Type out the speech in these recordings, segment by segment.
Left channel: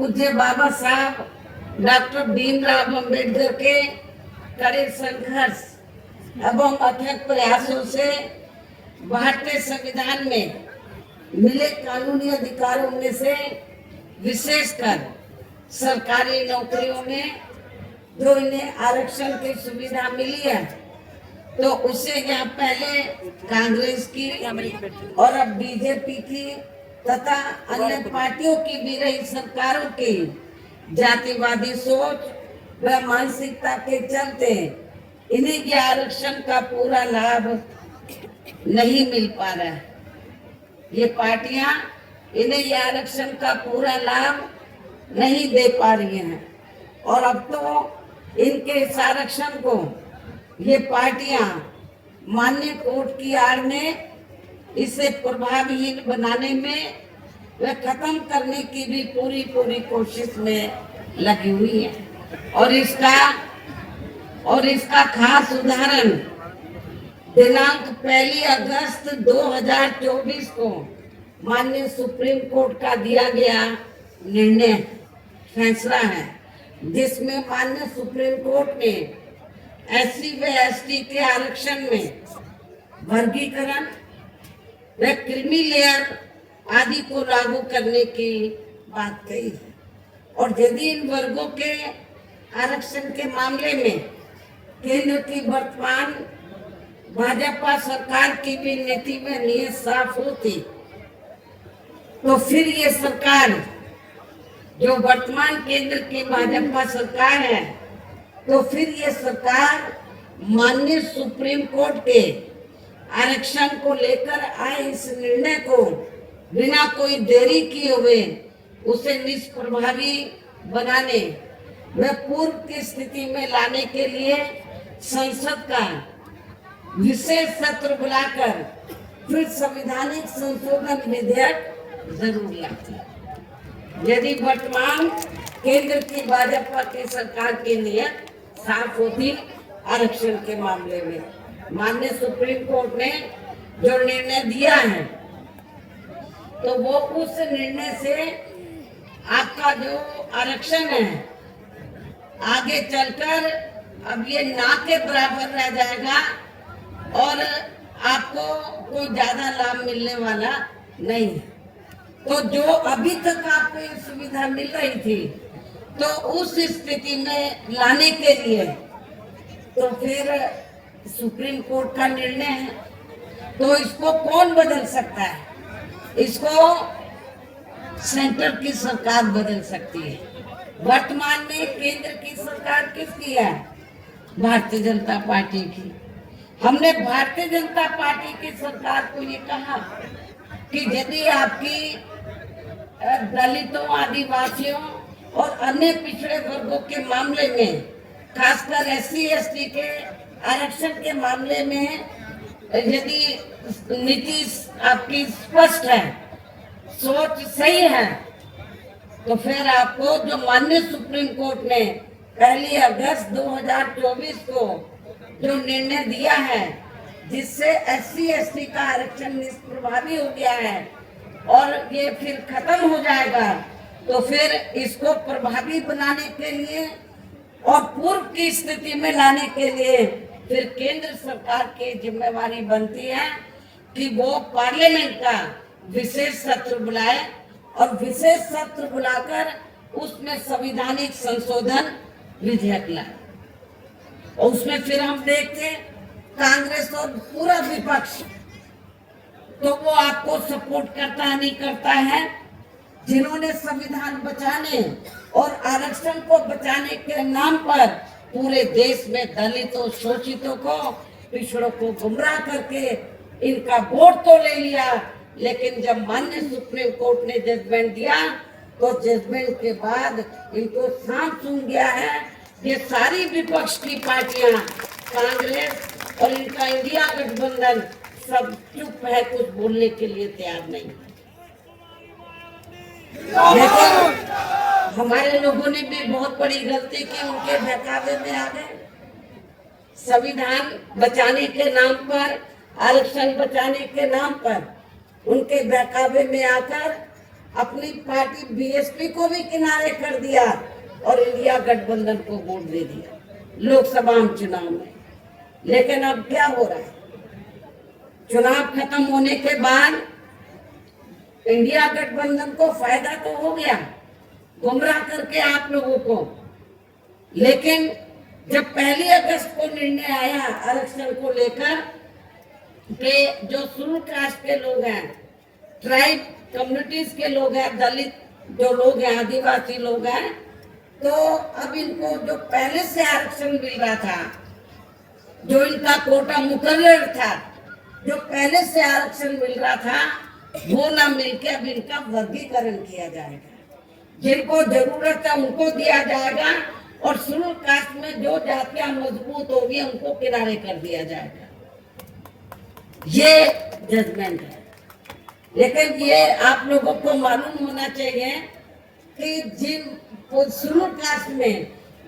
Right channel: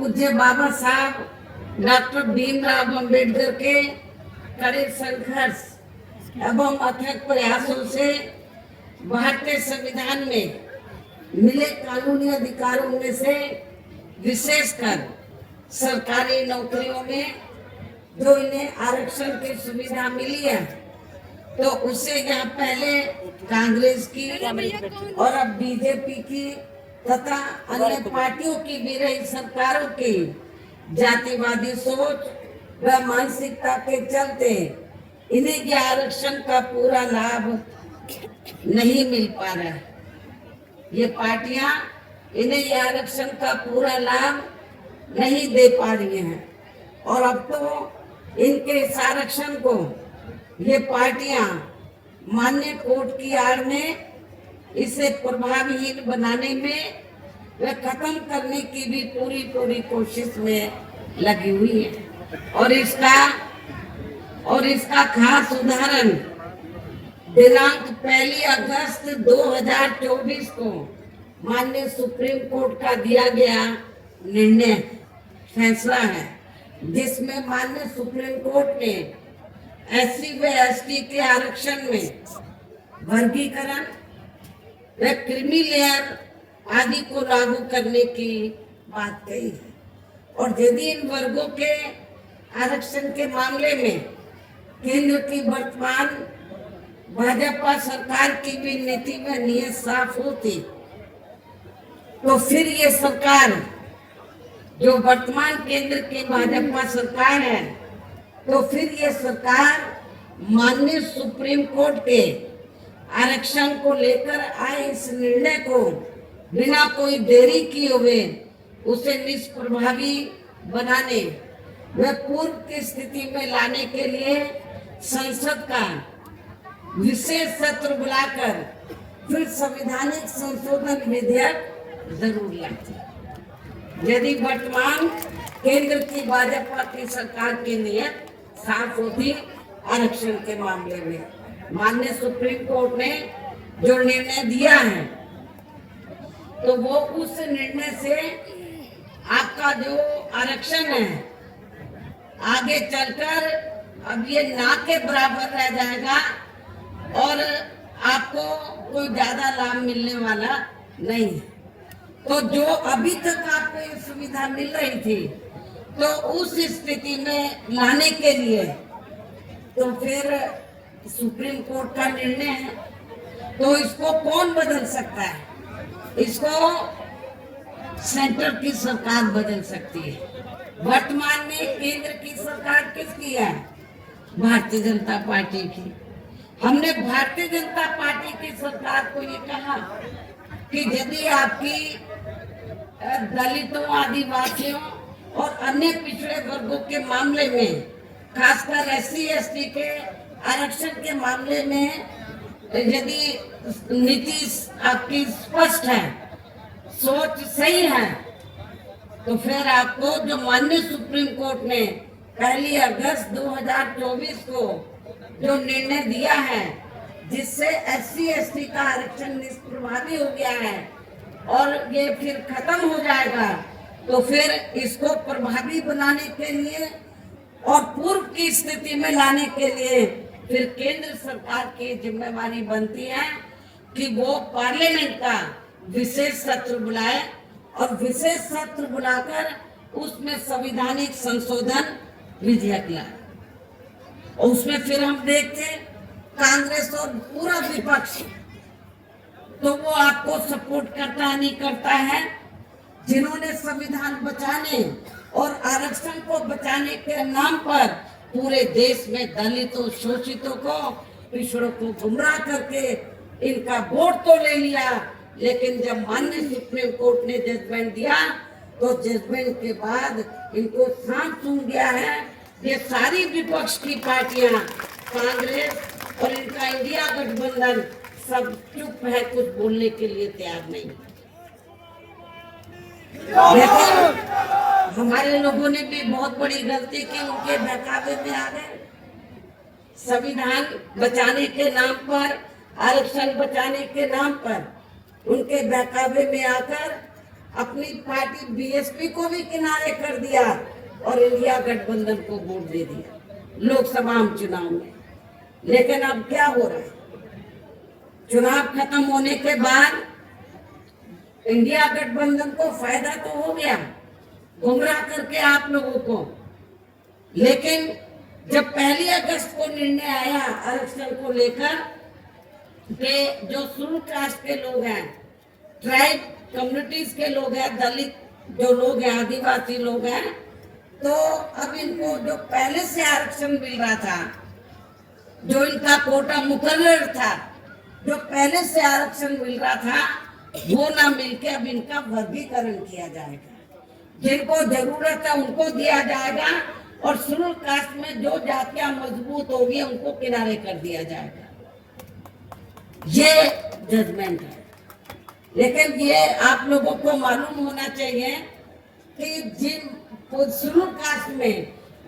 पूज्य बाबा साहब डॉक्टर भीमराव अम्बेडकर के कड़े संघर्ष एवं अथक प्रयासों से भारतीय संविधान में मिले कानूनी अधिकारों में से विशेषकर सरकारी नौकरियों में जो इन्हें आरक्षण की सुविधा मिली है, तो उसे यहाँ पहले कांग्रेस की और अब बीजेपी की तथा अन्य पार्टियों की भी रही सरकारों की जातिवादी सोच व मानसिकता के चलते इन्हें ये आरक्षण का पूरा लाभ नहीं मिल पा रहा है। ये पार्टियां इन्हें ये आरक्षण का पूरा लाभ नहीं दे पा रही हैं और अब तो इनके इस आरक्षण को ये पार्टियां मान्य कोर्ट की आड़ में इसे प्रभावहीन बनाने में व खत्म करने की भी पूरी कोशिश में लगी हुई है। और इसका खास उदाहरण दिनांक 1 अगस्त 2024 को माननीय सुप्रीम कोर्ट का दिया गया निर्णय फैसला है, जिसमें माननीय सुप्रीम कोर्ट ने SC व ST के आरक्षण में वर्गीकरण व क्रीमी लेयर आदि को लागू करने की बात कही है। और यदि इन वर्गों के आरक्षण के मामले में केंद्र की वर्तमान भाजपा सरकार की भी नीति में नियत साफ होती, तो फिर ये सरकार जो वर्तमान केंद्र की भाजपा सरकार है, तो फिर ये सरकार माननीय सुप्रीम कोर्ट के आरक्षण को लेकर आए इस निर्णय को बिना कोई देरी किए हुए उसे निष्प्रभावी बनाने व पूर्व की स्थिति में लाने के लिए संसद का विशेष सत्र बुलाकर फिर संवैधानिक संशोधन विधेयक जरूर लाती है। यदि वर्तमान केंद्र की भाजपा की सरकार की नियत साफ होती आरक्षण के मामले में, माननीय सुप्रीम कोर्ट ने जो निर्णय दिया है, तो वो उस निर्णय से आपका जो आरक्षण है आगे चलकर अब ये ना के बराबर रह जाएगा और आपको कोई ज्यादा लाभ मिलने वाला नहीं है। तो जो अभी तक आपको ये सुविधा मिल रही थी, तो उस स्थिति में लाने के लिए तो फिर सुप्रीम कोर्ट का निर्णय है, तो इसको कौन बदल सकता है? इसको सेंटर की सरकार बदल सकती है। वर्तमान में केंद्र की सरकार किसकी है? भारतीय जनता पार्टी की। हमने भारतीय जनता पार्टी की सरकार को ये कहा कि यदि आपकी दलितों, आदिवासियों और अन्य पिछड़े वर्गों के मामले में, खासकर SC ST के आरक्षण के मामले में यदि नीति आपकी स्पष्ट है, सोच सही है, तो फिर आपको जो माननीय सुप्रीम कोर्ट ने 1 अगस्त 2024 को जो निर्णय दिया है, जिससे SC ST का आरक्षण निष्प्रभावी हो गया है और ये फिर खत्म हो जाएगा, तो फिर इसको प्रभावी बनाने के लिए और पूर्व की स्थिति में लाने के लिए फिर केंद्र सरकार की जिम्मेवारी बनती है कि वो पार्लियामेंट का विशेष सत्र बुलाए और विशेष सत्र बुलाकर उसमें संवैधानिक संशोधन विधेयक लाए। और उसमें फिर हम देखते कांग्रेस और पूरा विपक्ष, तो वो आपको सपोर्ट करता है नहीं करता है, जिन्होंने संविधान बचाने और आरक्षण को बचाने के नाम पर पूरे देश में दलितों, शोषितों को, पिछड़ों को गुमराह करके इनका वोट तो ले लिया, लेकिन जब माननीय सुप्रीम कोर्ट ने जजमेंट दिया, तो जजमेंट के बाद इनको सांप सूंघ गया है। ये सारी विपक्ष की पार्टियां, कांग्रेस और इनका इंडिया गठबंधन सब चुप है, कुछ बोलने के लिए तैयार नहीं। हमारे लोगों ने भी बहुत बड़ी गलती की, उनके बहकावे में आ गए। संविधान बचाने के नाम पर, आरक्षण बचाने के नाम पर उनके बहकावे में आकर अपनी पार्टी बीएसपी को भी किनारे कर दिया और इंडिया गठबंधन को वोट दे दिया लोकसभा चुनाव में। लेकिन अब क्या हो रहा है, चुनाव खत्म होने के बाद इंडिया गठबंधन को फायदा तो हो गया गुमराह करके आप लोगों को, लेकिन जब 1 अगस्त को निर्णय आया आरक्षण को लेकर कि जो शेड्यूल कास्ट के लोग हैं, ट्राइब कम्युनिटीज के लोग हैं, दलित जो लोग हैं, आदिवासी लोग हैं, तो अब इनको जो पहले से आरक्षण मिल रहा था, जो इनका कोटा मुकर्रर था, जो पहले से आरक्षण मिल रहा था, वो ना मिलके अब इनका वर्गीकरण किया जाएगा। जिनको जरूरत है उनको दिया जाएगा और शेड्यूल कास्ट में जो जातियां मजबूत होगी उनको किनारे कर दिया जाएगा। ये जजमेंट है। लेकिन ये आप लोगों को मालूम होना चाहिए कि जिन शेड्यूल कास्ट में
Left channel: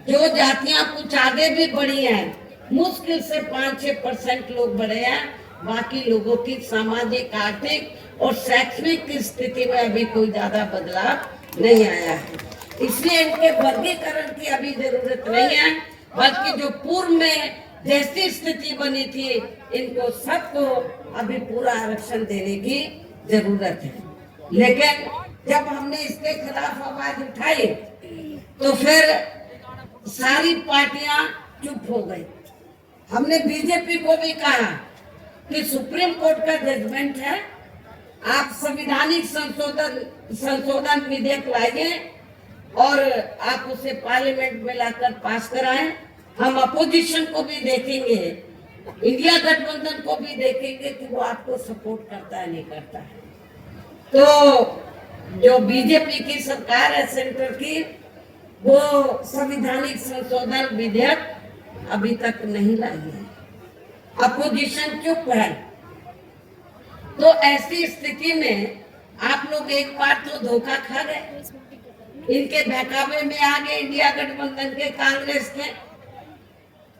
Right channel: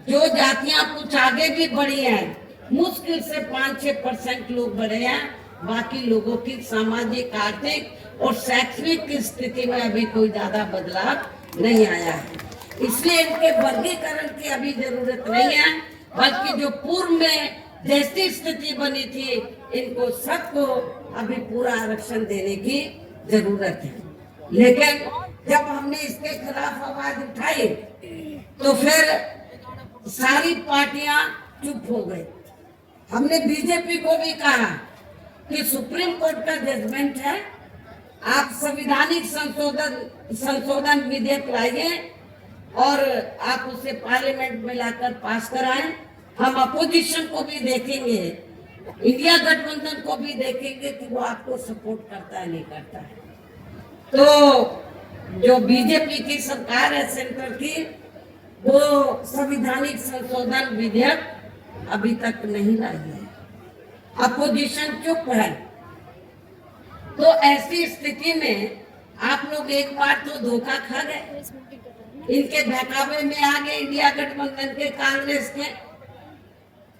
जो जातियां कुछ आगे भी बढ़ी हैं, मुश्किल से 5-6% लोग बढ़े हैं, बाकी लोगों की सामाजिक, आर्थिक और शैक्षणिक स्थिति में अभी कोई ज्यादा बदलाव नहीं आया है। इसलिए इनके वर्गीकरण की अभी जरूरत नहीं है, बल्कि जो पूर्व में जैसी स्थिति बनी थी इनको सबको अभी पूरा आरक्षण देने की जरूरत है। लेकिन जब हमने इसके खिलाफ आवाज उठाई तो फिर सारी पार्टियां चुप हो गई। हमने बीजेपी को भी कहा कि सुप्रीम कोर्ट का जजमेंट है, आप संवैधानिक संशोधन विधेयक लाइए और आप उसे पार्लियामेंट में लाकर पास कराएं। हम अपोजिशन को भी देखेंगे, इंडिया गठबंधन को भी देखेंगे कि वो आपको सपोर्ट करता है नहीं करता है। तो जो बीजेपी की सरकार है सेंटर की, वो संवैधानिक संशोधन विधेयक अभी तक नहीं लाई है, अपोजिशन चुप है। तो ऐसी स्थिति में आप लोग एक बार तो धोखा खा गए, इनके बहकावे में आ गए इंडिया गठबंधन के, कांग्रेस के,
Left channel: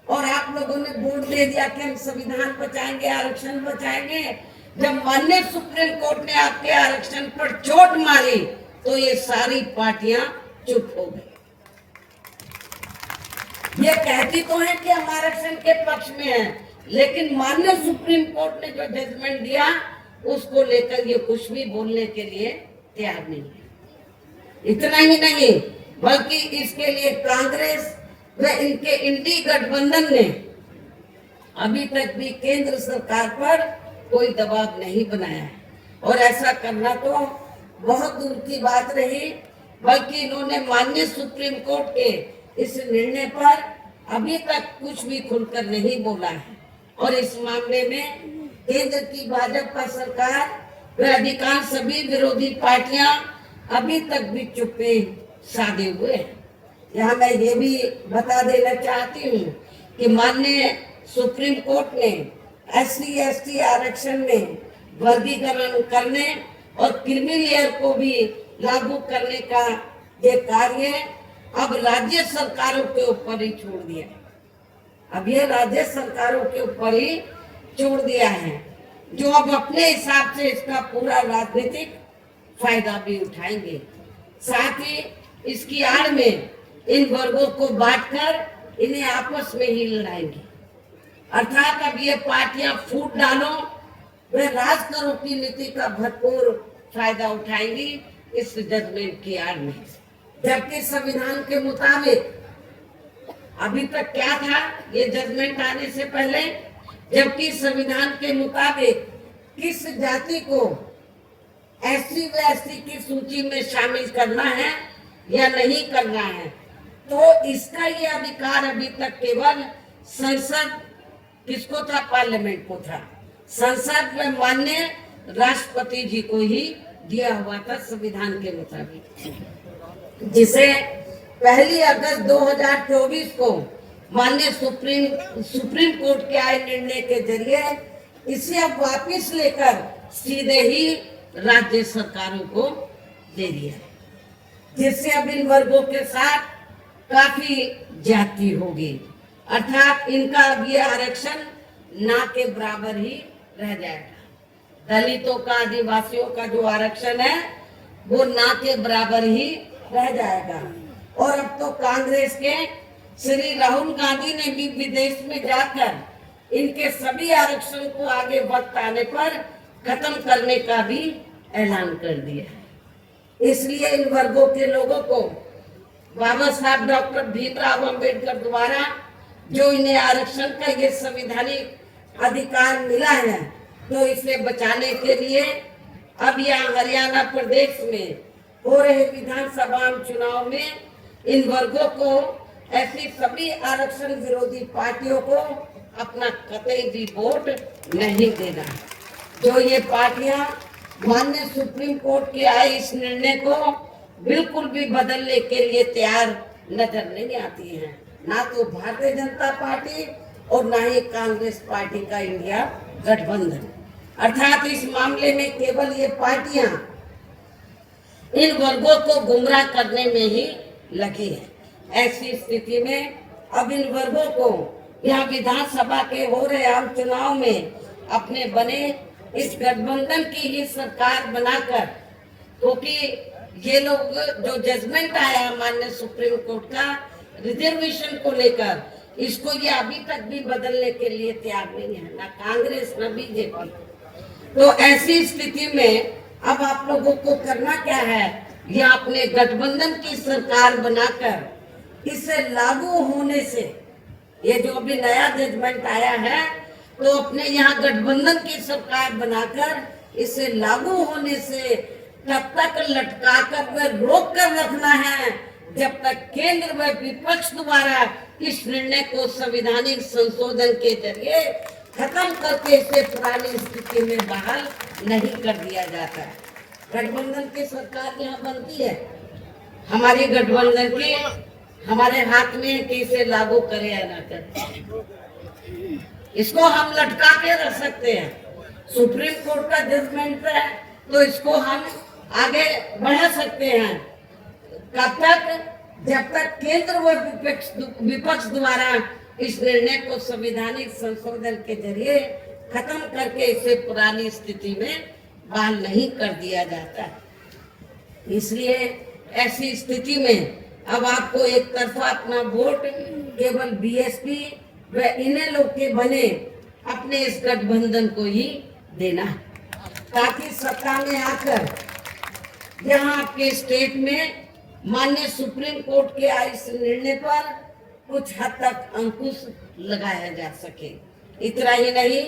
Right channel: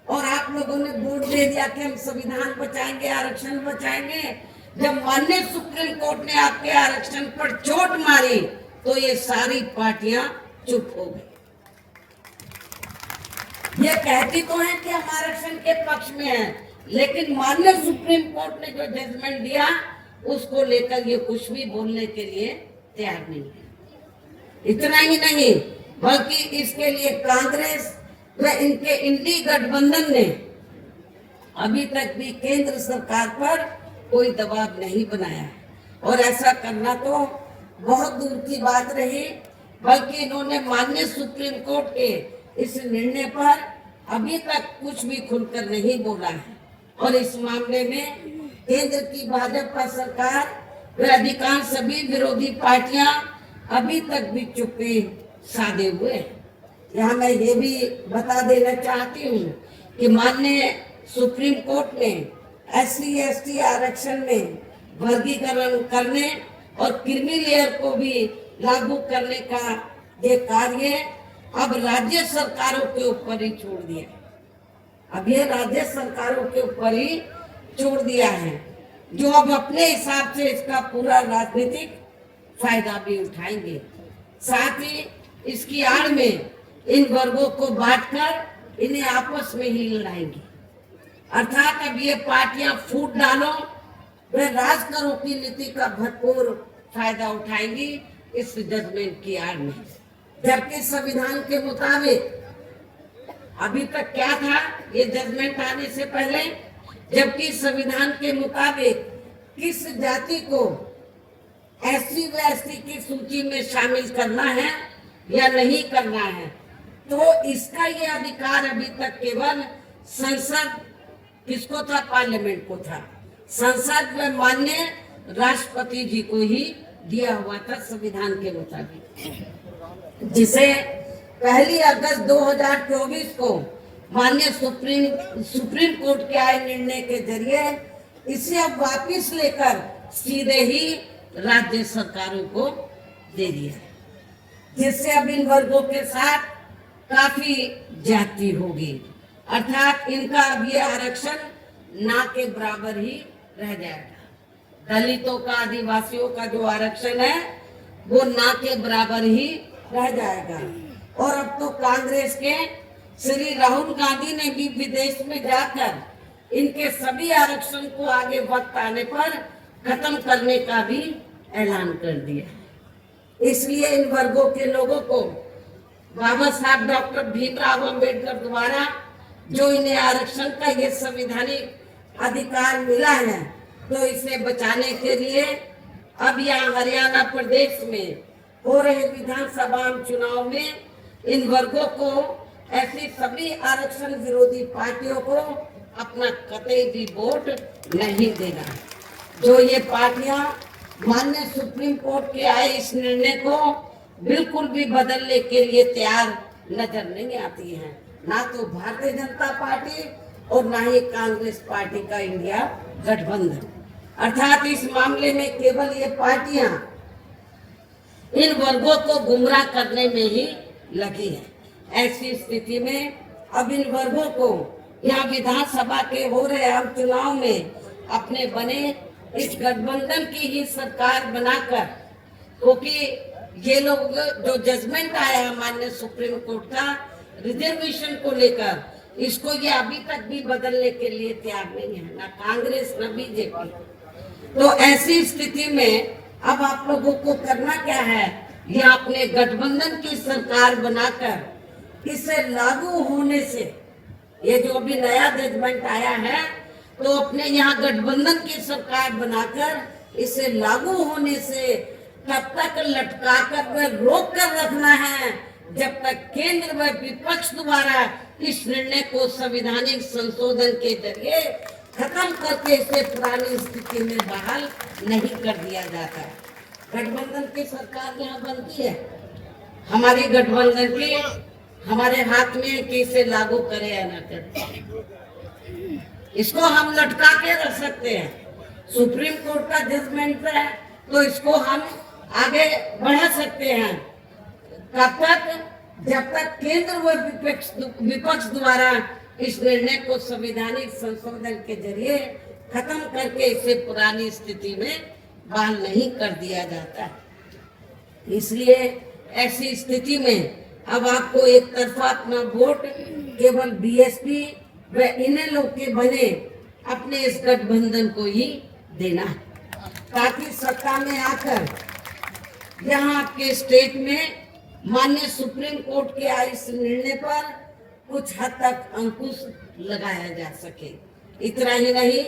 और आप लोगों ने वोट दे दिया कि हम संविधान बचाएंगे, आरक्षण बचाएंगे। जब माननीय सुप्रीम कोर्ट ने आपके आरक्षण पर चोट मारी तो ये सारी पार्टियां चुप हो गई। ये कहती तो है कि हम आरक्षण के पक्ष में हैं, लेकिन माननीय सुप्रीम कोर्ट ने जो जजमेंट दिया उसको लेकर ये कुछ भी बोलने के लिए तैयार नहीं है। इतना ही नहीं, बल्कि इसके लिए कांग्रेस व इनके इंडी गठबंधन ने अभी तक भी केंद्र सरकार पर कोई दबाव नहीं बनाया है, और ऐसा करना तो बहुत दूर की बात रही, बल्कि इन्होंने माननीय सुप्रीम कोर्ट के इस निर्णय पर अभी तक कुछ भी खुलकर नहीं बोला है। और इस मामले में केंद्र की भाजपा सरकार व अधिकांश सभी विरोधी पार्टियां अभी तक भी चुप्पी साधे हुए हैं। यहाँ मैं ये भी बता देना चाहती हूँ कि माननीय सुप्रीम कोर्ट ने SC/ST आरक्षण में वर्गीकरण करने और क्रीमी लेयर को भी लागू करने का ये कार्य अब राज्य सरकारों के ऊपर ही छोड़ दिया है। अब ये राज्य सरकारों के ऊपर ही छोड़ दिया है, जो अब अपने हिसाब से इसका पूरा राजनीतिक फायदा भी उठाएंगे। साथ ही इसकी आड़ में इन वर्गों को बांटकर इन्हें आपस में ही लड़ाएंगे। अर्थात अब ये पार्टियां फूट डालो व राज करो की नीति का भरपूर फायदा उठाएंगी इस जजमेंट की आड़ में। जबकि संविधान के मुताबिक अभी तक क्या था ये जजमेंट आने से पहले, जबकि संविधान के मुताबिक किस जाति को SC/ST की सूची में शामिल करना है या नहीं करना है, तो इसका ये अधिकार अभी तक केवल संसद, किसको था, पार्लियामेंट को था, संसद में माननीय राष्ट्रपति जी को ही दिया हुआ था संविधान के मुताबिक, जिसे 1 अगस्त 2024 को माननीय सुप्रीम कोर्ट के आए निर्णय के जरिए इसे अब वापिस लेकर सीधे ही राज्य सरकारों को दे दिया, जिससे अब इन वर्गों के साथ काफी ज्यादती होगी। अर्थात इनका अब ये आरक्षण ना के बराबर ही रह जाएगा। दलितों का, आदिवासियों का जो आरक्षण है वो ना के बराबर ही रह जाएगा। और अब तो कांग्रेस के श्री राहुल गांधी ने भी विदेश में जाकर इनके सभी आरक्षण को आगे वक्त आने पर खत्म करने का भी ऐलान कर दिया। इसलिए इन वर्गों के लोगों को बाबा साहब डॉक्टर भीमराव अम्बेडकर द्वारा जो इन्हें आरक्षण का ये संवैधानिक अधिकार मिला है, तो इसे बचाने के लिए अब यहाँ हरियाणा प्रदेश में हो रहे विधानसभा चुनाव में इन वर्गों को, ऐसी सभी आरक्षण विरोधी पार्टियों को अपना कतई भी वोट नहीं देना। जो ये पार्टियां माननीय सुप्रीम कोर्ट के आए इस निर्णय को बिल्कुल भी बदलने के लिए तैयार नजर नहीं आती है, ना तो भारतीय जनता पार्टी और ना ही कांग्रेस पार्टी का इंडिया गठबंधन। अर्थात इस मामले में केवल ये पार्टियां इन वर्गों को गुमराह करने में ही लगी है। ऐसी स्थिति में अब इन वर्गों को यह विधानसभा के हो रहे आम चुनाव में अपने बने इस गठबंधन की ही सरकार बनाकर, क्योंकि ये लोग जो जजमेंट आया माननीय सुप्रीम कोर्ट का रिजर्वेशन को लेकर, इसको ये अभी तक भी बदलने के लिए तैयार नहीं है, ना कांग्रेस ना बीजेपी। तो ऐसी स्थिति में अब आप लोगों को करना क्या है, ये अपने गठबंधन की सरकार बनाकर इसे लागू होने से, ये जो भी नया जजमेंट आया है, तो अपने यहाँ गठबंधन की सरकार बनाकर इसे लागू होने से तब तक लटका कर रोक कर रखना है जब तक केंद्र व विपक्ष द्वारा इस निर्णय को संवैधानिक संशोधन के जरिए खत्म करके इसे पुरानी स्थिति में बहाल नहीं कर दिया जाता है। गठबंधन की सरकार यहाँ बनती है, हमारी गठबंधन के हमारे हाथ में कि इसे लागू करें या ना करें, इसको हम लटका के रख सकते हैं। सुप्रीम कोर्ट का जजमेंट है तो इसको हम आगे बढ़ा सकते हैं कब तक, जब तक केंद्र व विपक्ष द्वारा इस निर्णय को संवैधानिक संशोधन के जरिए खत्म करके इसे पुरानी स्थिति में बहाल नहीं कर दिया जाता। इसलिए ऐसी स्थिति में अब आपको एक तरफा अपना वोट केवल बीएसपी व इनेलो के बने अपने इस गठबंधन को ही देना, ताकि सत्ता में आकर यहाँ आपके स्टेट में माननीय सुप्रीम कोर्ट के इस निर्णय पर कुछ हद तक अंकुश लगाया जा सके। इतना ही नहीं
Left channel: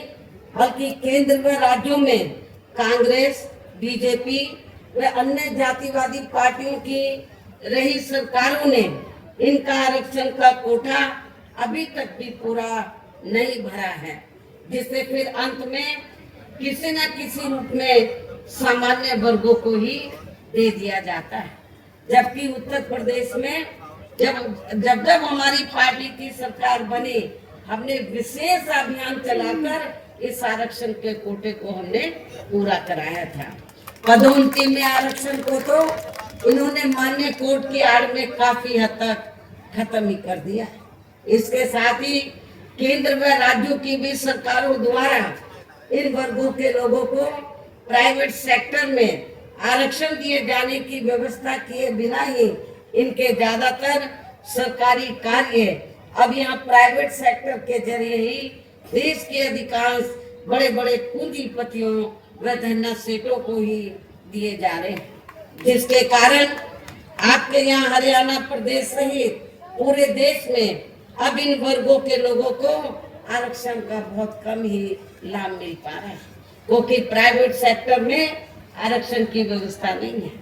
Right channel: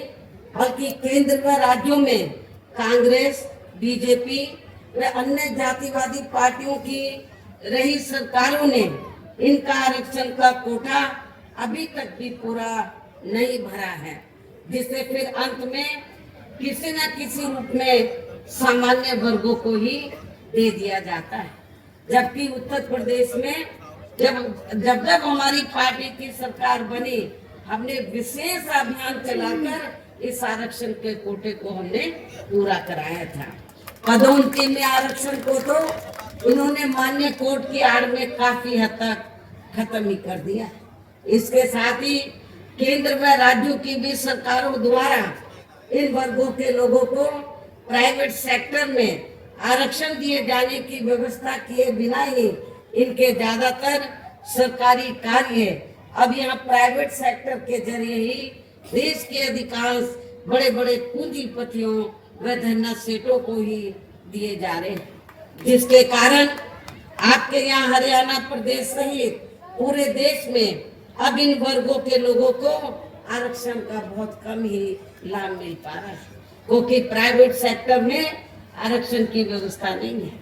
बल्कि केंद्र व राज्यों में कांग्रेस, बीजेपी व अन्य जातिवादी पार्टियों की रही सरकारों ने इनका आरक्षण का कोटा अभी तक भी पूरा नहीं भरा है, जिससे फिर अंत में किसी न किसी रूप में सामान्य वर्गों को ही दे दिया जाता है। जबकि उत्तर प्रदेश में जब हमारी पार्टी की सरकार बनी, हमने विशेष अभियान चलाकर इस आरक्षण के कोटे को हमने पूरा कराया था। पदोन्नति में आरक्षण को तो इन्होंने मान्य कोर्ट की आड़ में काफी हद तक खत्म ही कर दिया। इसके साथ ही केंद्र व राज्यों की भी सरकारों द्वारा इन वर्गों के लोगों को प्राइवेट सेक्टर में आरक्षण दिए जाने की व्यवस्था किए बिना ही इनके ज्यादातर सरकारी कार्य अब यहाँ प्राइवेट सेक्टर के जरिए ही देश के अधिकांश बड़े बड़े पूंजीपतियों व धन्ना सेठों को ही दिए जा रहे हैं, जिसके कारण आपके यहाँ हरियाणा प्रदेश सहित पूरे देश में अब इन वर्गों के लोगों को आरक्षण का बहुत कम ही लाभ मिल पा रहा है, क्योंकि प्राइवेट सेक्टर में आरक्षण की व्यवस्था नहीं है।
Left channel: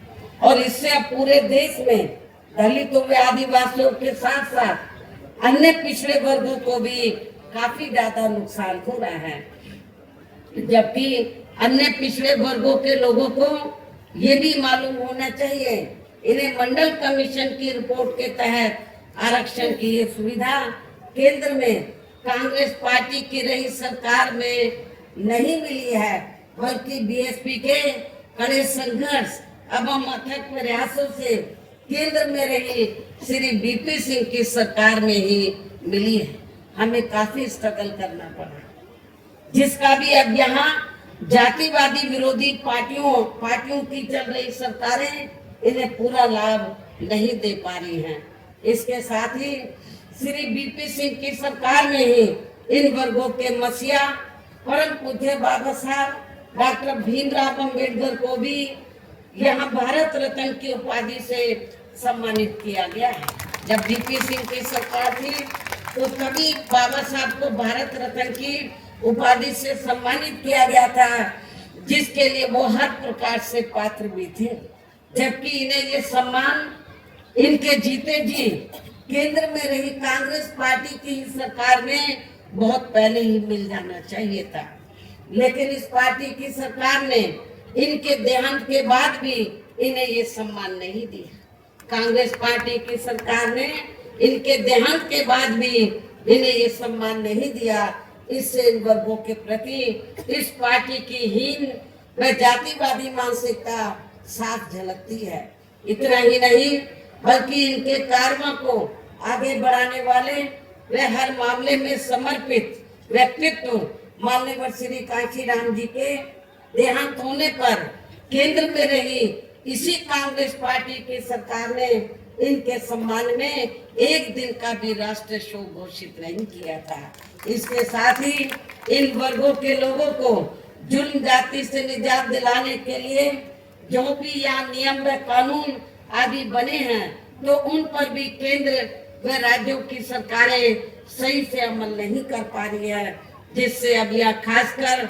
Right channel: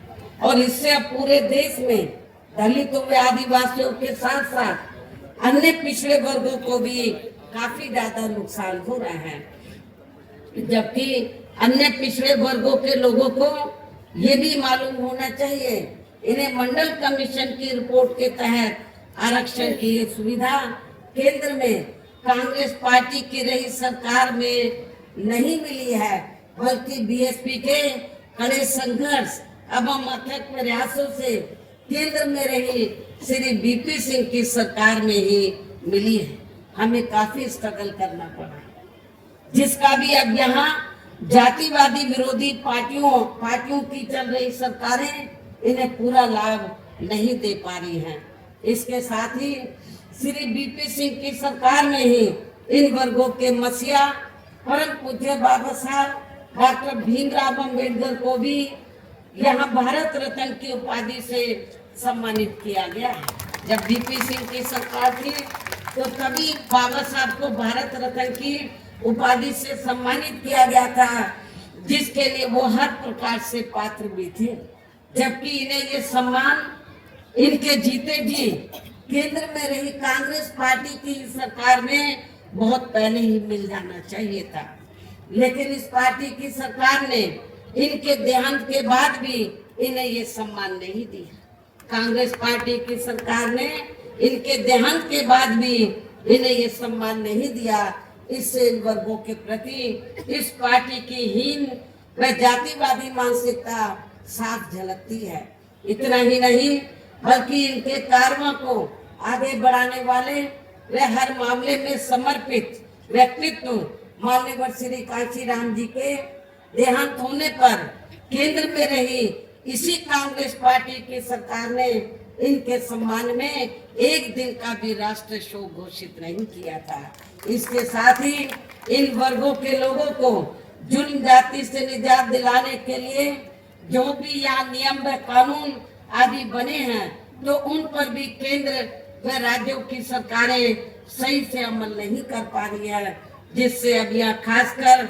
और इससे अब पूरे देश में दलितों व आदिवासियों के साथ साथ अन्य पिछड़े वर्गों को भी काफी ज्यादा नुकसान हो रहा है। जबकि अन्य पिछड़े वर्गों के लोगों को ये भी मालूम होना चाहिए, इन्हें मंडल कमीशन की रिपोर्ट के तहत आरक्षण की ये सुविधा केंद्र में कांग्रेस पार्टी की रही सरकार में नहीं मिली है, बल्कि बीएसपी के कड़े संघर्ष एवं अथक प्रयासों से केंद्र में रही श्री बीपी सिंह की सरकार में ही मिली है। हमें काफी स्ट्रगल करना पड़ा, जिसका भी अब यहाँ जातिवादी विरोधी पार्टियों की चल रही सरकारें इन्हें पूरा लाभ नहीं दे पा रही हैं। इसके साथ ही श्री बीपी सिंह की सरकार में ही इन वर्गों के मसीहा परम पूज्य बाबा साहब डॉक्टर भीमराव अम्बेडकर को भी यहाँ भारत रत्न की उपाधि से सम्मानित किया गया है। जब बीपी सिंह की सरकार थी तो तभी बाबा साहब को भारत रत्न की उपाधि से सम्मानित किया गया था, जिसके लिए वो हर प्रकार से पात्र भी थे। जबकि इन्हें ये सम्मान इनके जीते जी केंद्र में रही कांग्रेस पार्टी की सरकार में बहुत पहले ही मिल जाना चाहिए था, लेकिन इस पार्टी की सरकार ने इनके देहांत के बाद भी इन्हें ये सम्मान नहीं दिया। कांग्रेस पार्टी की सरकार ने इनके देहांत के बाद भी इन्हें ये सम्मान नहीं दिया। इससे इन वर्गों के प्रति इस पार्टी की हीन व जातिवादी मानसिकता साफ झलकती है। इतना ही नहीं बल्कि इनके कार्यों को आगे बढ़ाने वाले व हर मामले में समर्पित व्यक्तित्व माननीय श्री कांशीराम जी के देहांत होने पर केंद्र में रही इसी कांग्रेस पार्टी की सरकार ने इनके सम्मान में एक दिन का भी राष्ट्रीय शोक घोषित नहीं किया था। इसके साथ ही इन वर्गों के लोगों को जुल्म जाति से निजात दिलाने के लिए जो भी यहाँ नियम व कानून आदि बने हैं तो उन पर भी केंद्र व राज्यों की सरकारें सही से अमल नहीं कर पा रही है, जिससे अब यहाँ खासकर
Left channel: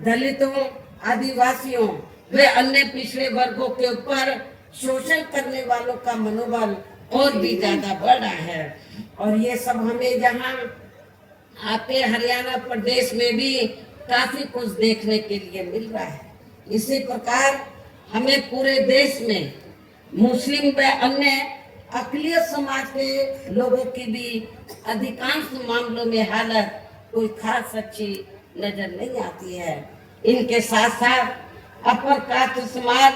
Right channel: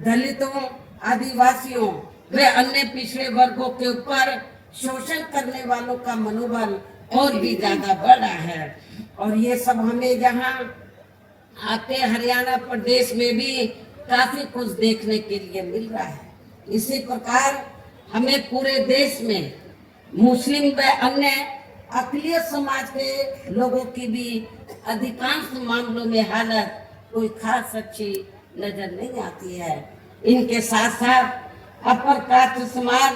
दलितों, आदिवासियों व अन्य पिछड़े वर्गों के ऊपर शोषण करने वालों का मनोबल और भी ज्यादा बढ़ रहा है। और ये सब हमें जहाँ आपके हरियाणा प्रदेश में भी काफी कुछ देखने के लिए मिल रहा है। इसी प्रकार हमें पूरे देश में मुस्लिम व अन्य अकलियत समाज के लोगों की भी अधिकांश मामलों में हालत कोई खास अच्छी नजर नहीं आती है। इनके साथ साथ अपर कास्ट समाज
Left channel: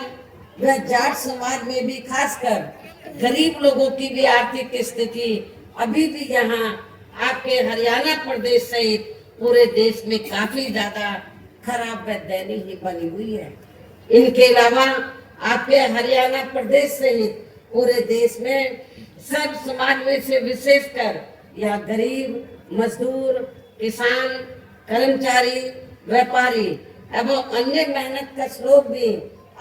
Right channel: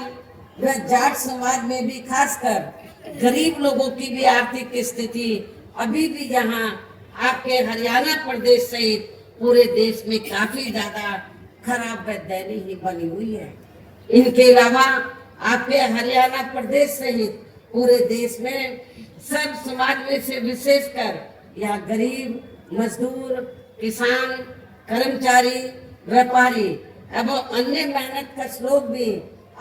व जाट समाज में भी खासकर गरीब लोगों की भी आर्थिक स्थिति अभी भी यहाँ आपके हरियाणा प्रदेश सहित पूरे देश में काफी ज्यादा खराब व दयनीय बनी हुई है। इनके अलावा आपके हरियाणा प्रदेश सहित पूरे देश में सब समाज में से विशेषकर या गरीब, मजदूर, किसान, कर्मचारी, व्यापारी एवं अन्य मेहनत कश लोग भी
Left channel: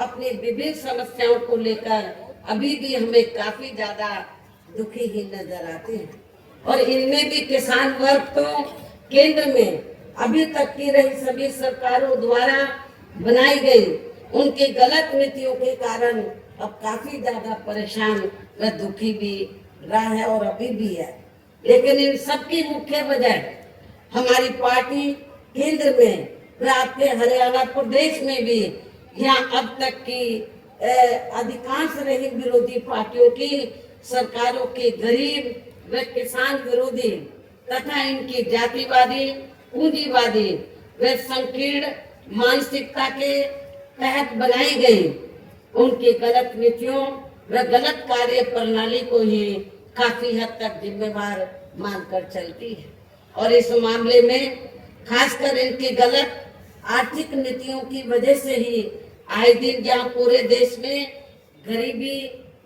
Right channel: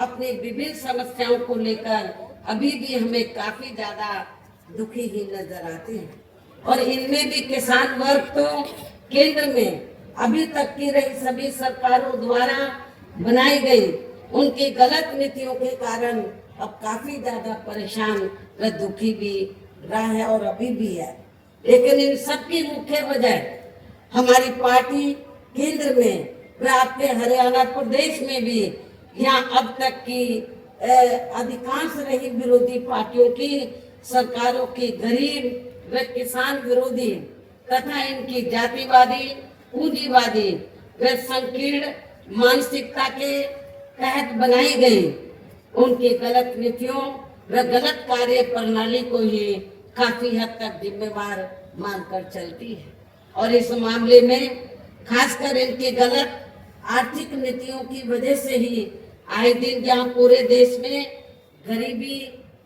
अपनी विभिन्न समस्याओं को लेकर अभी भी हमें काफी ज्यादा दुखी ही नजर आते हैं। और इनमें भी किसान वर्ग तो केंद्र में अभी तक की रही सभी सरकारों द्वारा बनाई गई उनकी गलत नीतियों के कारण अब काफी ज्यादा परेशान व दुखी भी रहा है और अभी भी है। लेकिन इन सब की मुख्य वजह हमारी पार्टी केंद्र में व आपके हरियाणा प्रदेश में भी यहाँ अब तक की अधिकांश रही विरोधी पार्टियों की सरकारों के गरीब व किसान विरोधी तथा इनकी जातिवादी, पूंजीवादी व संकीर्ण मानसिकता के तहत बनाई गई उनकी गलत नीतियों व गलत कार्य प्रणाली को ही काफी हद तक जिम्मेवार मानकर चलती है। और इस मामले में खासकर इनकी गलत आर्थिक नीतियों की वजह से ही आए दिन जहाँ पूरे देश में गरीबी,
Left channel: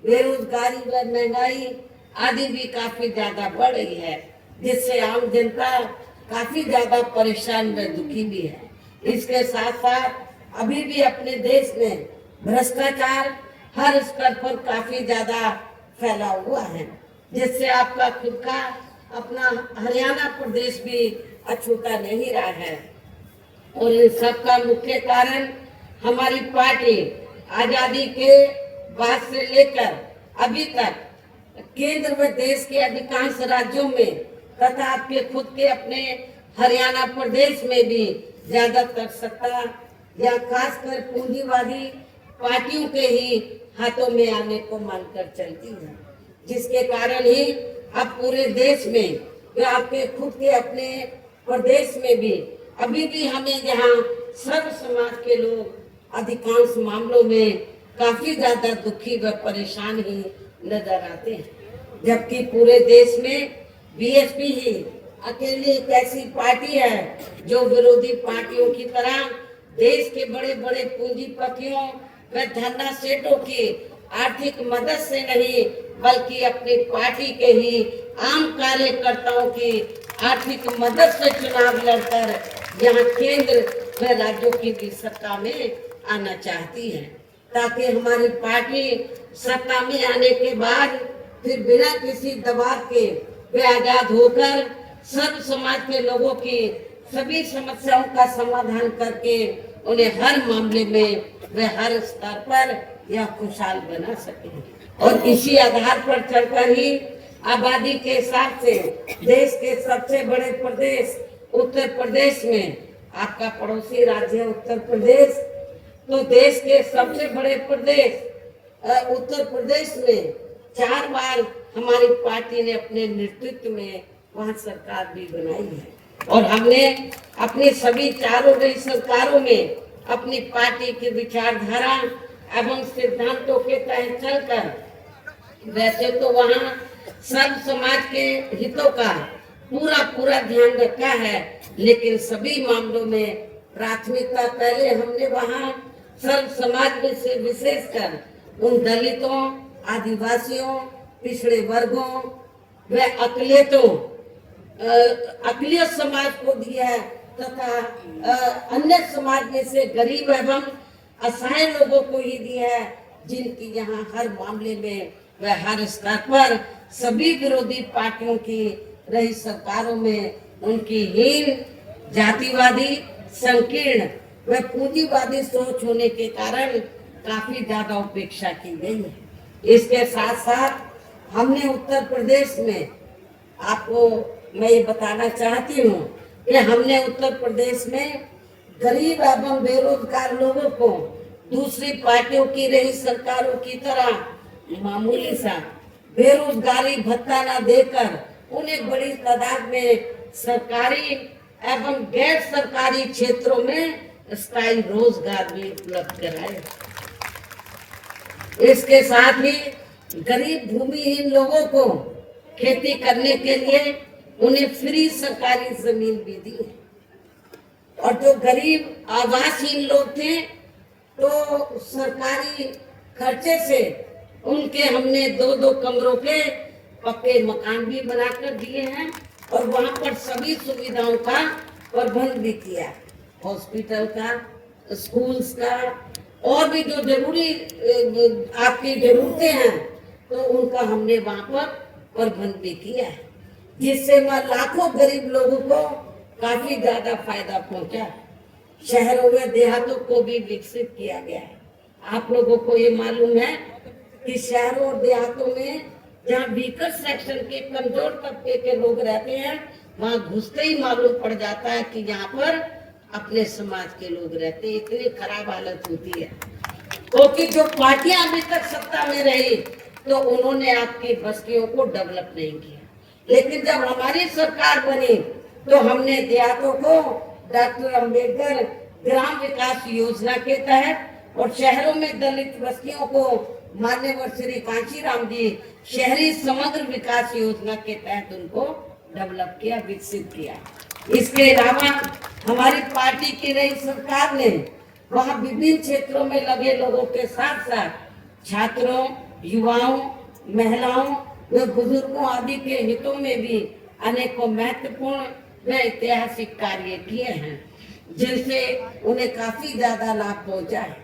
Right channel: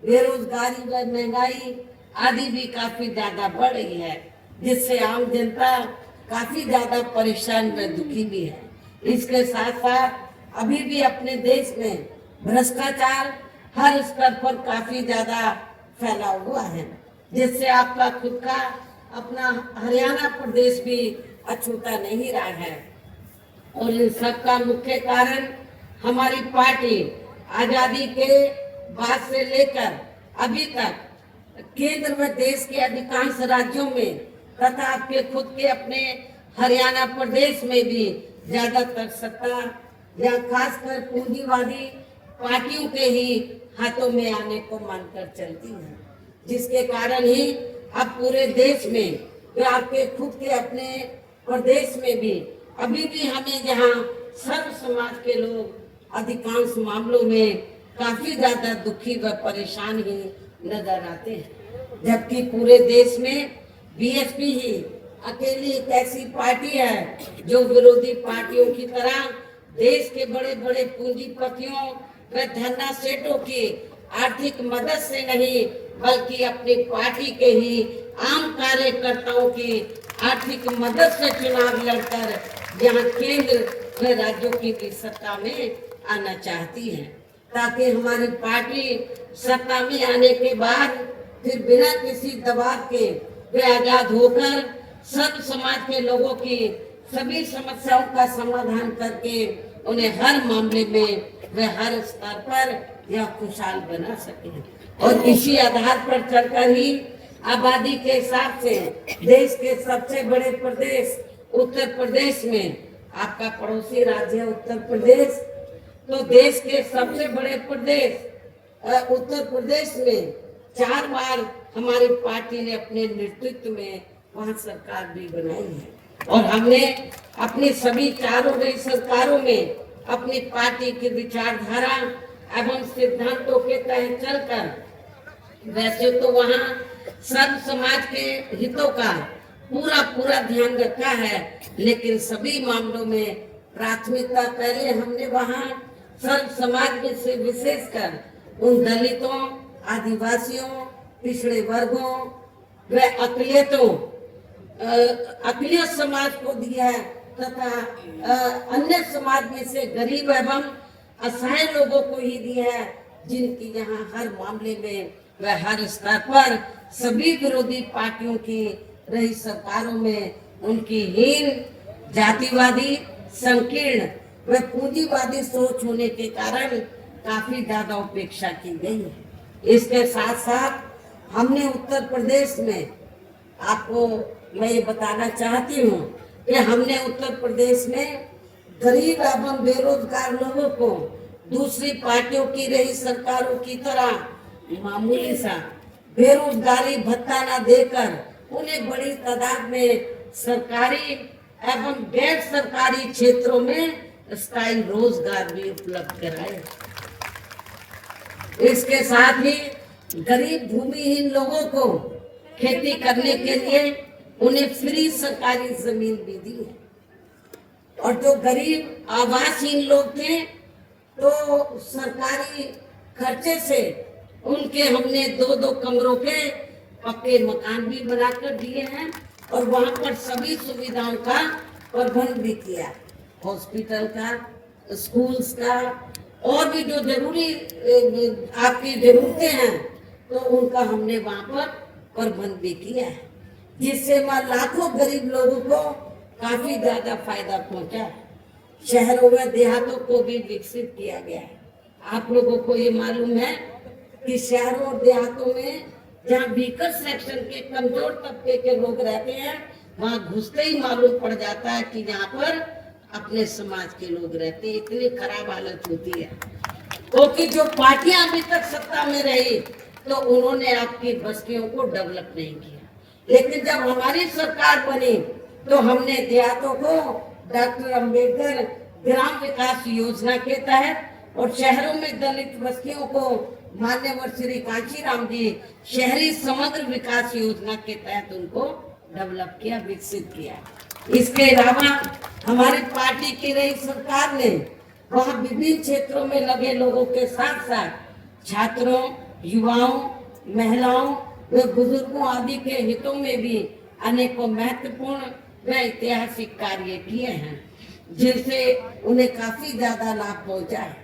बेरोजगारी व महंगाई आदि भी काफी ज्यादा बढ़ रही है, जिससे आम जनता काफी ज्यादा परेशान व दुखी भी है। इसके साथ साथ अभी भी अपने देश में भ्रष्टाचार हर स्तर पर काफी ज्यादा फैला हुआ है, जिससे आपका खुद का अपना हरियाणा प्रदेश भी अछूता नहीं रहा है। और इन सब का मुख्य कारण हमारी पार्टी आजादी के बाद से लेकर अभी तक केंद्र व देश के अधिकांश राज्यों में तथा आपके खुद के अपने हरियाणा प्रदेश में भी ज्यादातर सत्ता या खासकर पूंजीवादी पार्टियों के ही हाथों में आने को मानकर चलती है, जिसके कारण ही अब पूरे देश में व आपके खुद के अपने प्रदेश में भी अभी भी हमें यहाँ सर्व समाज के लोग अधिकांश मामलों में काफी ज्यादा दुखी व परेशान ही नजर आते हैं। जबकि पूरे देश में बीएसपी ही अकेली एक ऐसी पार्टी है जो विरोधी पार्टियों की तरह देश के बड़े बड़े पूंजीपतियों व धन्ना सेठों की आर्थिक मदद से नहीं, बल्कि अपनी पार्टी के ही आम कार्यकर्ताओं की आर्थिक मदद से चुनाव लड़कर यहाँ केंद्र व राज्यों की भी सत्ता में आना चाहती है, ताकि हमारी पार्टी सत्ता में आने के बाद फिर बिना किसी दबाव के वे आजाद होकर सब समाज के लोगों की सभी समस्याओं का समाधान करके उन्हें हर मामले में वे हर स्तर पर यह खुशहाल बना सके। और इसी आधार पर चलकर ही आबादी के हिसाब से देश के सबसे बड़े प्रदेश उत्तर प्रदेश में, आपका पड़ोसी राज्य है उत्तर प्रदेश, तो देश के सबसे बड़े प्रदेश उत्तर प्रदेश में 4 बार हमारी पार्टी ने अपने नेतृत्व में वहाँ सरकार भी बनाई है। और हमने अपनी सभी चारों गई सरकारों में अपनी पार्टी की विचारधारा एवं सिद्धांतों के तहत चलकर, वैसे तो वहाँ सब समाज के हितों का पूरा ध्यान रखा है, लेकिन सभी मामलों में प्राथमिकता पहले हमने वहाँ सर्व समाज में से विशेषकर उन दलितों, आदिवासियों, पिछड़े वर्गों व अकलियत समाज को दिया है तथा अन्य समाज में से गरीब एवं असहाय लोगों को ही दिया है, जिनकी यहाँ हर मामले में व हर स्तर पर सभी विरोधी पार्टियों की रही सरकारों में उनकी हीन, जातिवादी, संकीर्ण व पूंजीवादी सोच होने के कारण काफी ज्यादा उपेक्षा की गई है। इसके साथ साथ हमने उत्तर प्रदेश में, आपको मैं ये बताना चाहती हूँ कि हमने उत्तर प्रदेश में गरीब एवं बेरोजगार लोगों को दूसरी पार्टियों की रही सरकारों की तरह मामूली सा बेरोजगारी भत्ता न देकर उन्हें बड़ी तादाद में सरकारी एवं गैर सरकारी क्षेत्रों में स्थायी रोजगार भी उपलब्ध कराए। इसके साथ ही गरीब भूमिहीन लोगों को खेती करने के लिए उन्हें फ्री सरकारी जमीन भी दी है। और जो गरीब आवासहीन लोग थे तो सरकारी खर्चे से उनके हमने 2-2 कमरों के पक्के मकान भी बनाकर दिए हैं और वहाँ पर सभी सुविधाओं का प्रबंध भी किया, हॉस्पिटल का, स्कूल्स का और भी जो जरूरी आपकी जरूरतें हैं तो उनका हमने वहाँ पर प्रबंध भी किया है, जिससे लाखों गरीब लोगों को काफी ज्यादा फायदा पहुंचा। शहरों में देहातों को भी विकसित किया गया है। आप लोगों को ये मालूम है कि शहरों और देहातों में जहाँ वीकर सेक्शन के कमजोर तबके के लोग रहते हैं, वहाँ घुसते ही मालूम पड़ जाता है कि यहाँ पर अपने समाज के लोग रहते हैं। इतनी खराब हालत होती है क्योंकि जो पार्टियां अभी तक सत्ता में रही तो उन्होंने आपकी बस्तियों को डेवलप नहीं किया, लेकिन जब हमारी सरकार बनी तो हमने देहातों को डॉक्टर अंबेडकर ग्राम विकास योजना के तहत और शहरों में दलित बस्तियों को मान्यवर श्री कांशीराम जी शहरी समग्र विकास योजना के तहत उनको डेवलप किया, विकसित किया। इसके अलावा हमारी पार्टी की नई सरकार ने वहाँ विभिन्न क्षेत्रों में लगे लोगों के साथ साथ छात्रों, युवाओं, महिलाओं व बुजुर्गों आदि के हितों में भी अनेकों महत्वपूर्ण व ऐतिहासिक कार्य किए हैं, जिनसे उन्हें काफी ज्यादा लाभ पहुंचा है।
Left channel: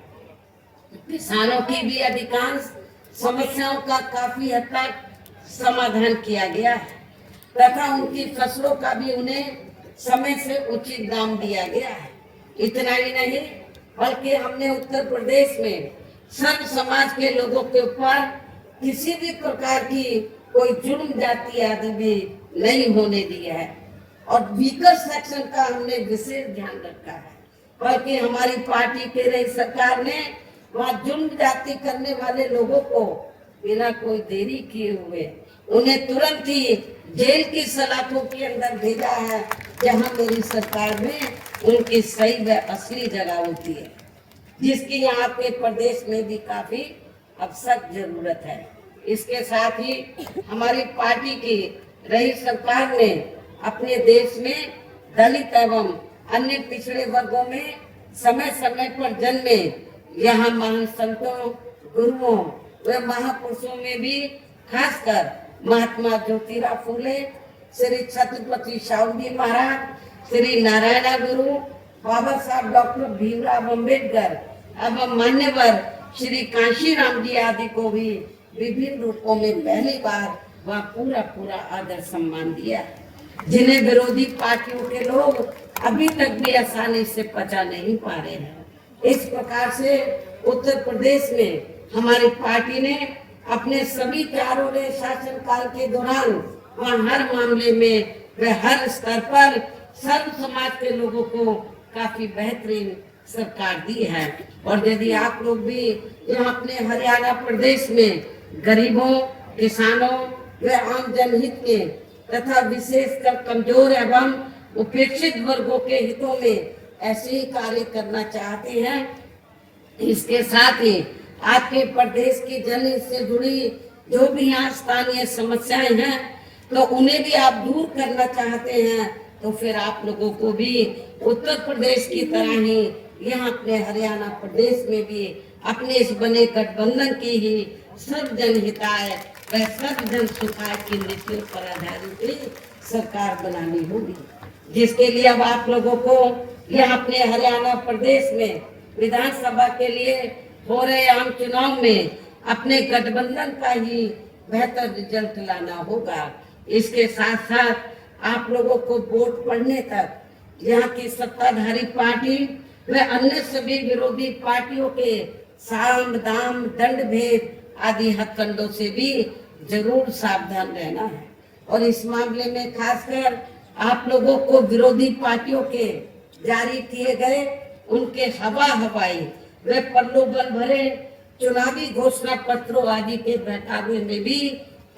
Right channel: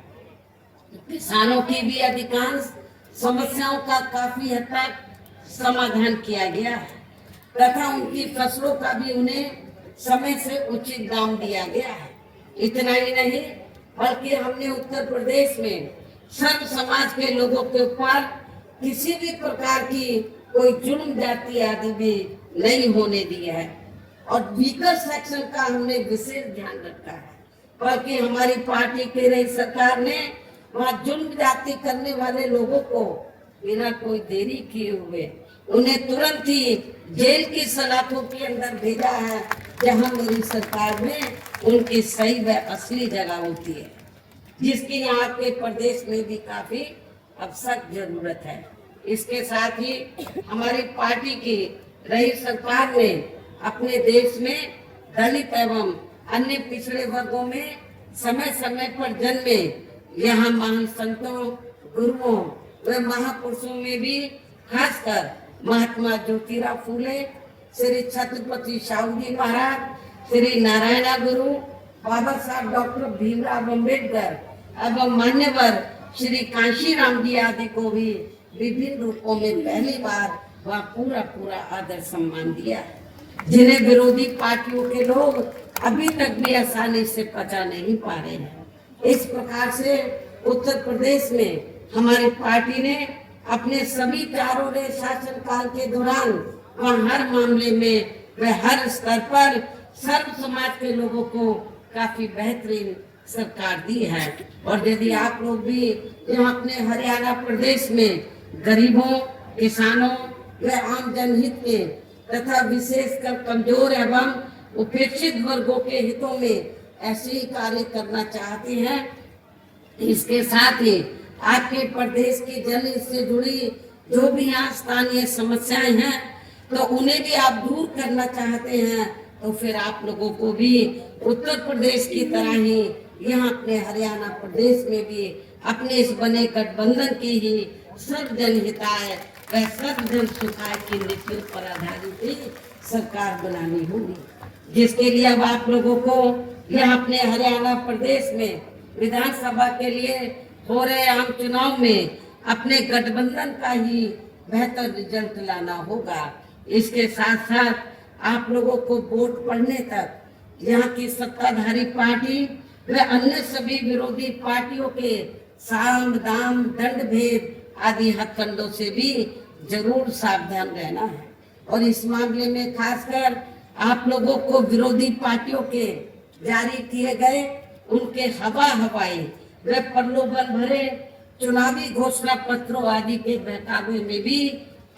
किसानों की भी अधिकांश समस्याओं का काफी हद तक समाधान किया गया है तथा उनकी फसलों का भी उन्हें समय से उचित दाम दिया गया है। इतना ही नहीं बल्कि हमने उत्तर प्रदेश में सब समाज के लोगों के ऊपर किसी भी प्रकार की कोई जुल्म जाति आदि भी नहीं होने दिया है और वीकर सेक्शन का हमने विशेष ध्यान रखा है। बल्कि हमारी पार्टी की नई सरकार ने वहाँ जुल्म जाति करने वाले लोगों को बिना कोई देरी किए हुए उन्हें तुरंत ही जेल की सलाखों के अंदर भेजा है, जहाँ मेरी सरकार में उनकी सही व असली जगह होती है, जिसकी यहाँ के प्रदेश में भी काफी अब सख्त जरूरत है। इसके साथ ही हमारी पार्टी की रही सरकार ने अपने देश में दलित एवं अन्य पिछड़े वर्गों में समय समय पर जन्मे यहाँ महान संतों, गुरुओं व महापुरुषों में भी खासकर महात्मा ज्योतिराव फुले, श्री छत्रपति शाहू महाराज, श्री नारायण गुरु, बाबा साहब डॉक्टर भीमराव अम्बेडकर एवं मान्यवर श्री कांशीराम जी आदि को भी विभिन्न रूपों में पहली बार वह पूरा आदर सम्मान दिया, जिन्हें विरोधी पार्टियों के लोग अभी तक भी आसानी से पचा नहीं पा रहे हैं। इस प्रकार से उत्तर प्रदेश में हमारी पार्टी ने अपने सभी 4 शासन काल के दौरान वह हर मामले में व हर स्तर पर सर्व समाज के लोगों को काफी बेहतरीन सरकार दी है। और यदि आप लोग भी यहाँ अपने हरियाणा प्रदेश में गरीबों, किसानों व आम जनहित के तथा विशेषकर कमजोर एवं उपेक्षित वर्गों के हितों में ऐसे ही कार्य करना चाहते हैं, इसके साथ ही आपके प्रदेश की जनहित से जुड़ी जो भी यहाँ स्थानीय समस्याएं हैं तो उन्हें भी आप दूर करना चाहते हैं, तो फिर आप लोगों को भी उत्तर प्रदेश की तरह ही यहाँ अपने हरियाणा प्रदेश में भी अपने इस बने गठबंधन की ही सर्व जन हिताय व सर्व जन सुखाय की नीतियों पर आधारित सरकार बनानी होगी, जिसके लिए अब आप लोगों को यह अपने हरियाणा प्रदेश में विधानसभा के लिए हो रहे आम चुनाव में अपने गठबंधन का ही बेहतर रिजल्ट लाना होगा। इसके साथ साथ आप लोगों को वोट पड़ने तक यहाँ की सत्ताधारी पार्टी व अन्य सभी विरोधी पार्टियों के साम दाम दंड भेद आदि हथकंडों से भी जरूर सावधान रहना है। और इस मामले में खासकर आप लोगों को विरोधी पार्टियों के जारी किए गए उनके हवाई व प्रलोभन भरे चुनावी घोषणा पत्रों आदि के बहकावे में भी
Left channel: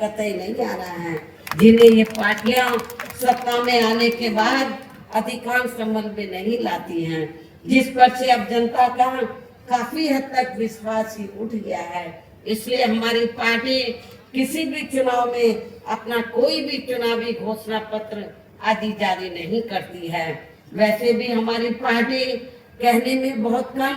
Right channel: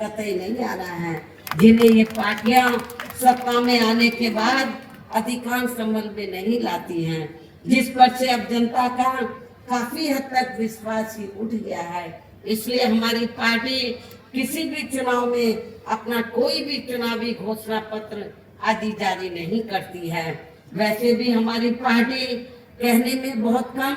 कतई नहीं आना है, जिन्हें ये पार्टियां सत्ता में आने के बाद अधिकांश अमल में नहीं लाती हैं, जिस पर से अब जनता का काफी हद तक विश्वास ही उठ गया है। इसलिए हमारी पार्टी किसी भी चुनाव में अपना कोई भी चुनावी घोषणा पत्र आदि जारी नहीं करती है। वैसे भी हमारी पार्टी कहने में बहुत कम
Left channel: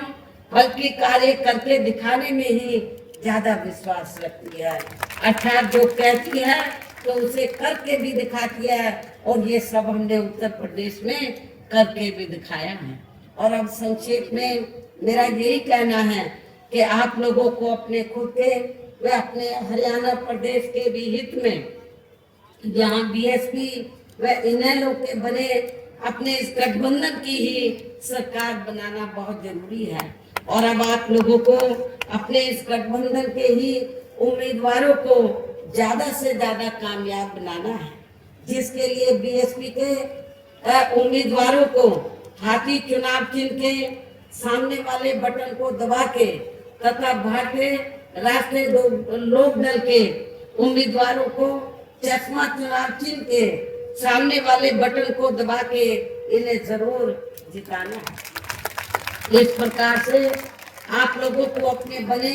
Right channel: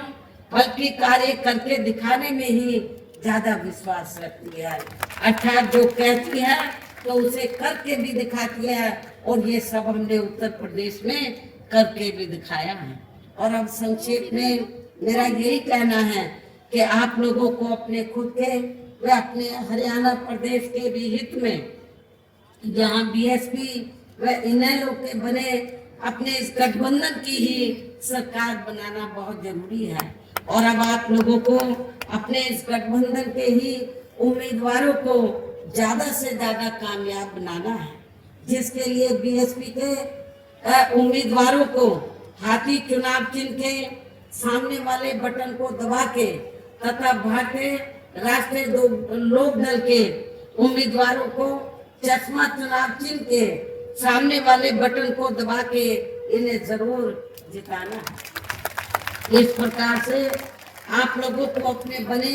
बल्कि कार्य करके दिखाने में ही ज्यादा विश्वास रखती है, अर्थात जो कहती है तो उसे करके भी दिखाती है, और ये सब हमने उत्तर प्रदेश में करके भी दिखाया है। और अब संक्षेप में मेरा यही कहना है कि आप लोगों को अपने खुद के व अपने हरियाणा प्रदेश के भी हित में यहाँ बीएसपी व इनेलो के बने अपने इस गठबंधन की ही सरकार बनाना बहुत जरूरी है। और अब आप लोगों को अपने इस गठबंधन के ही उम्मीदवारों को ज्यादा से ज्यादा कामयाब बनाना है, जिसके लिए बीएसपी के उम्मीदवारों को हाथी चुनाव चिन्ह के सामने वाले बटन को दबा के तथा भारतीय राष्ट्रीय लोक दल के उम्मीदवारों को चश्मा चुनाव चिन्ह के सामने वाले बटन को दबा के इन्हें जरूर जिताना है। इस प्रकार से आप लोगों को अपने बने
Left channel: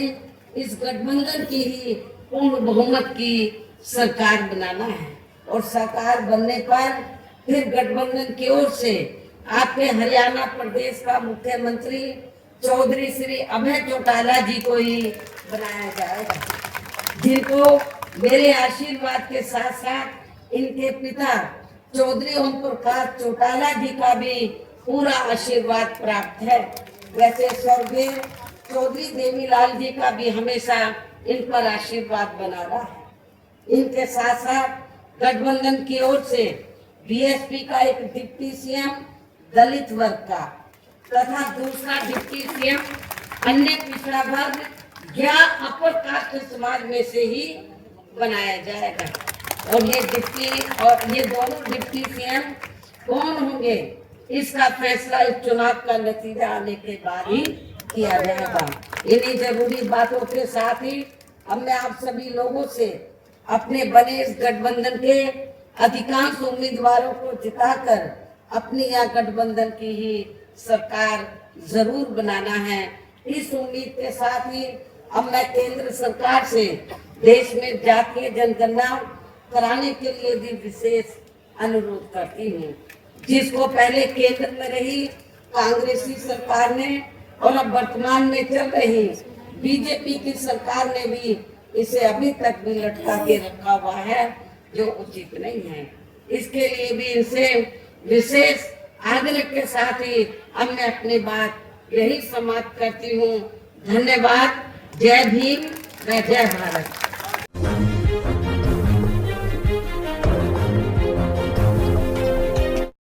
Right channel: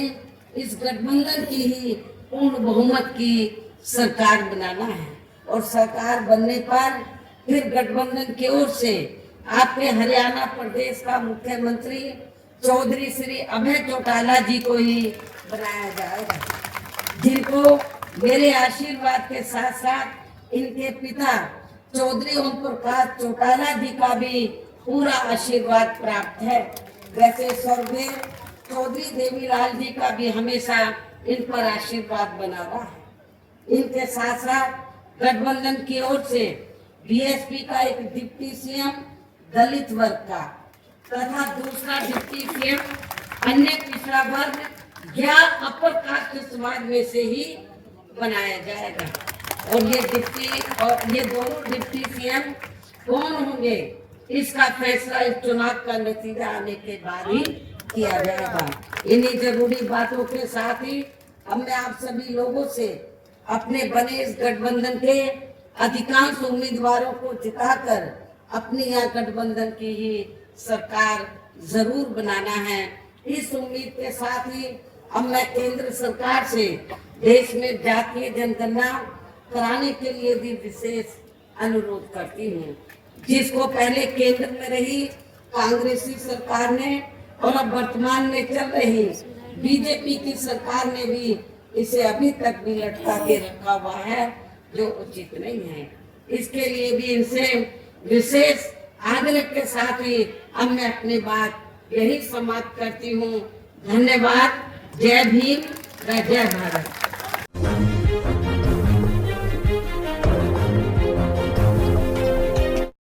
इस गठबंधन की ही पूर्ण बहुमत की सरकार बनाना है, और सरकार बनने पर फिर गठबंधन की ओर से आपके हरियाणा प्रदेश का मुख्यमंत्री चौधरी श्री अभय चौटाला जी को ही बनाया जाएगा, जिनको मेरे आशीर्वाद के साथ साथ इनके पिता चौधरी ओम प्रकाश चौटाला जी का भी पूरा आशीर्वाद प्राप्त है। वैसे स्वर्गीय चौधरी देवीलाल जी का भी हमेशा इन पर आशीर्वाद बना रहा है। इनके साथ साथ गठबंधन की ओर से बीएसपी का एक डिप्टी सीएम दलित वर्ग का तथा दूसरा डिप्टी सीएम अन्य पिछड़ा वर्ग या अपर कास्ट समाज में से ही बनाया जाएगा। और ये दोनों डिप्टी सीएम कौन होंगे इसका फैसला इस चुनाव का नतीजा आने के बाद ही किया जाएगा। इन्हीं जरूरी बातों के साथ ही अब मैं आप सभी लोगों से अपने बने इस गठबंधन के अधिकांश उम्मीदवारों को जिताकर अपनी यह गठबंधन की ही सरकार जरूर बनाना है। इस उम्मीद के साथ ही अब मैं केंद्र सरकार से देश में जातीय जनगणना कराने के लिए भी विशेष अनुरोध करती हूँ, जिसको पहले केंद्र में रही कांग्रेसी सरकार ने और अब वर्तमान में चल रही बीजेपी की सरकार ने भी इसे अभी तक भी लटका के रखा हुआ है, जो उचित नहीं है। इसके लिए भी इनसे विशेष आग्रह के साथ ही अब मैं अपनी बात यही समाप्त करती हूँ। धन्यवाद। जय भीम, जय भारत।